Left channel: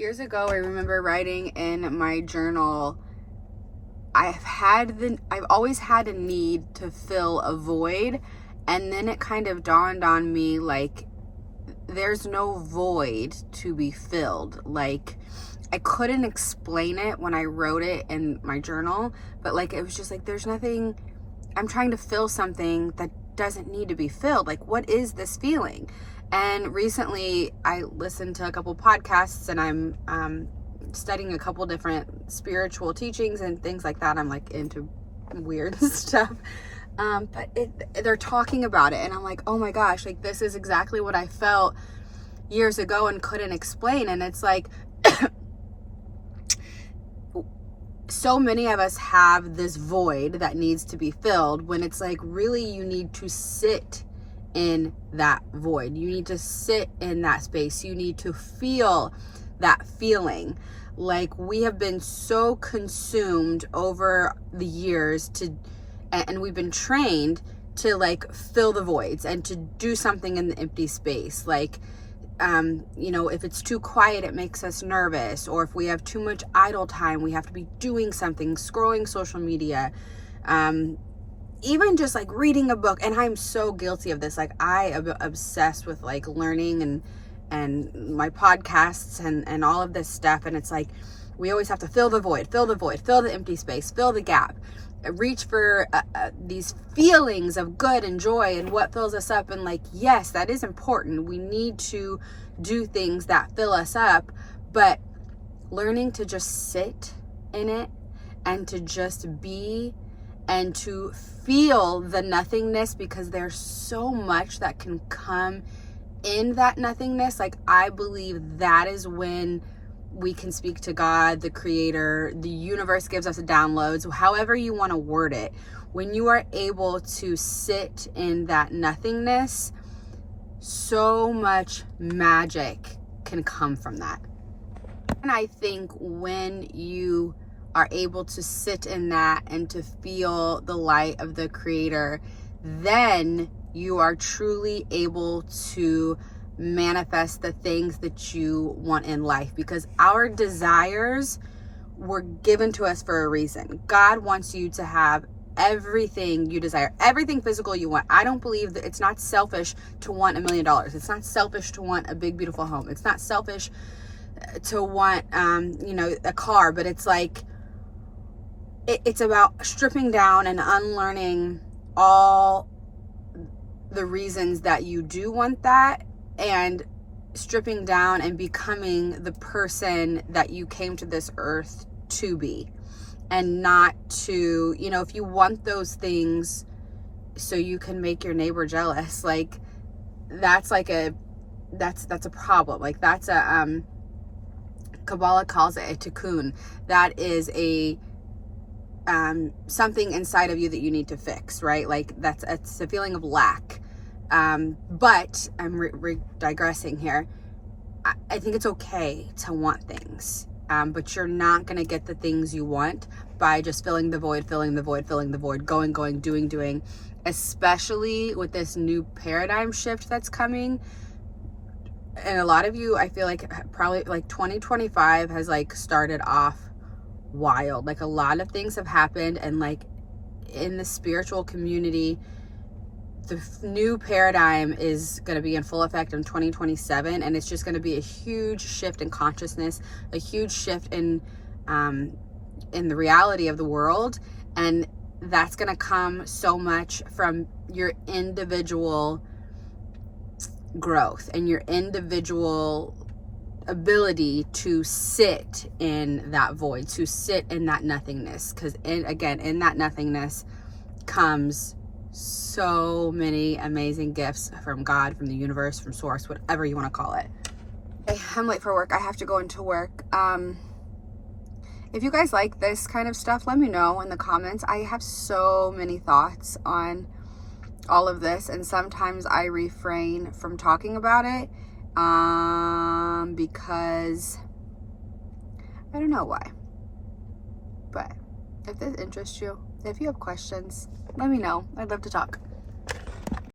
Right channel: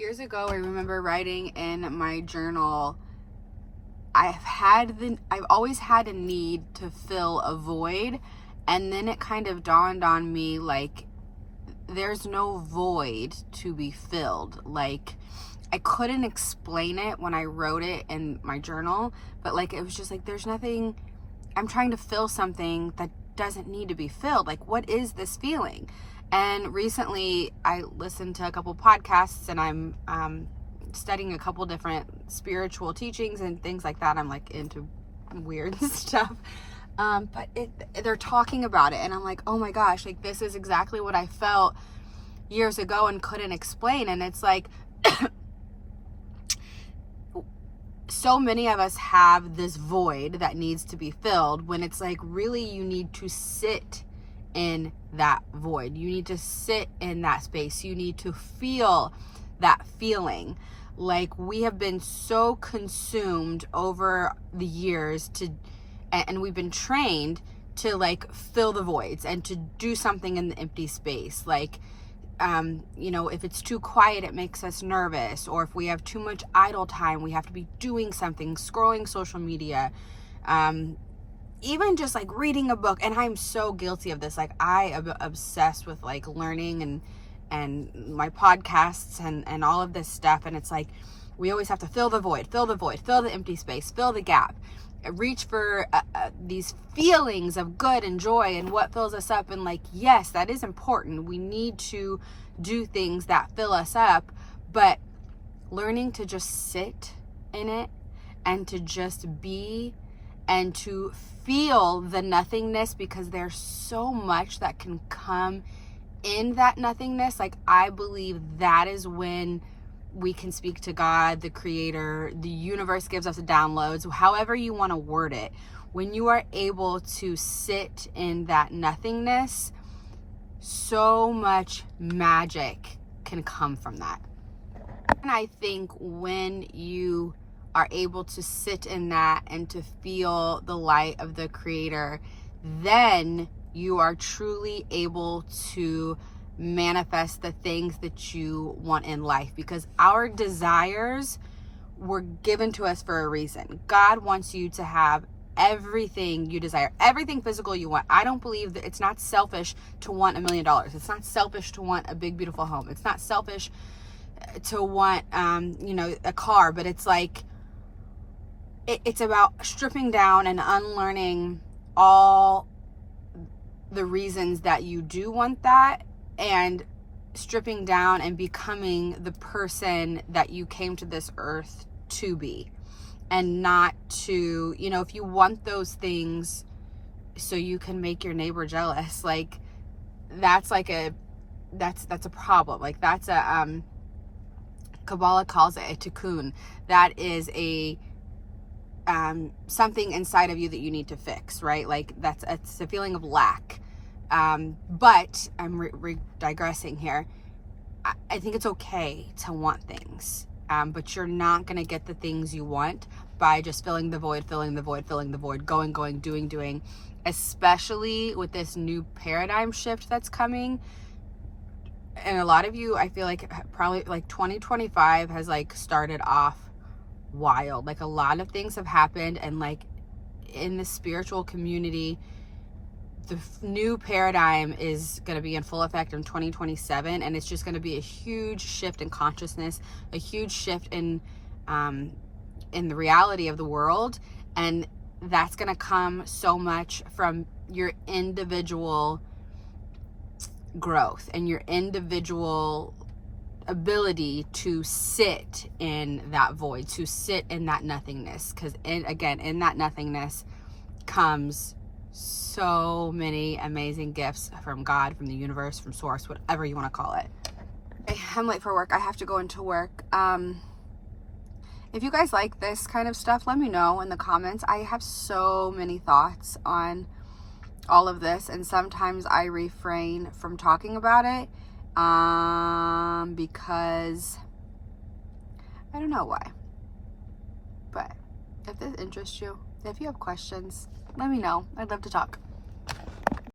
Years ago, I remember writing in my journal, I've always had a need to fill a void, and then it kind of dawned on me, like, there's no void to be filled. Like, I couldn't explain it when I wrote it in my journal, but like, it was just like, there's nothing, I'm trying to fill something that doesn't need to be filled. Like, what is this feeling? And recently I listened to a couple podcasts, and I'm studying a couple different spiritual teachings and things like that. I'm like into weird stuff. But they're talking about it, and I'm like, oh my gosh, like, this is exactly what I felt years ago and couldn't explain. And it's like, so many of us have this void that needs to be filled, when it's like, really, you need to sit in that void. You need to sit in that space. You need to feel that feeling. Like, we have been so consumed over the years and we've been trained to like fill the voids and to do something in the empty space. Like, if it's too quiet, it makes us nervous. Or if we have too much idle time, we have to be doing something, scrolling social media, even just like reading a book. And I'm so guilty of this. Like, I am obsessed with like learning and my podcasts and all of this stuff. And it's like, we always have to fill the void, fill the empty space, fill the gap, reach for these feelings of good and joy and what fills us up. And like, yes, that is important. We need to do things that fill us up, but learning to just sit in it and to just be and to feel the nothingness, because there's so much that can come in that nothingness. Like, I believe that is when we can speak to God, the creator. The universe gives us downloads, however you want to word it. When you are able to sit in that nothingness, so much magic can come from that. And I think when you are able to sit in that and to feel the light of the creator, then you are truly able to manifest the things that you want in life, because our desires were given to us for a reason. God wants you to have everything you desire, everything physical you want. I don't believe that it's not selfish to want $1 million. It's not selfish to want a big, beautiful home. It's not selfish to want, a car, but it's like, it's about stripping down and unlearning all the reasons that you do want that, and stripping down and becoming the person that you came to this earth to be, and not to, if you want those things so you can make your neighbor jealous, like, that's a problem. Like, that's a, Kabbalah calls it a tikkun. That is a, something inside of you that you need to fix, right? Like, it's a feeling of lack. But I'm digressing here. I think it's okay to want things, but you're not going to get the things you want by just filling the void, going, doing, especially with this new paradigm shift that's coming. And a lot of you, I feel like probably like 2025 has like started off wild. Like, a lot of things have happened, and like in the spiritual community, the new paradigm is going to be in full effect in 2027, and it's just going to be a huge shift in consciousness, a huge shift in the reality of the world. And that's going to come so much from your individual growth and your individual ability to sit in that void, to sit in that nothingness. Because in that nothingness comes so many amazing gifts from God, from the universe, from source, whatever you want to call it. Okay, I'm late for work. I have to go into work. If you guys like this kind of stuff, let me know in the comments. I have so many thoughts on all of this, and sometimes I refrain from talking about it because I don't know why. But if this interests you, if you have questions, let me know. I'd love to talk.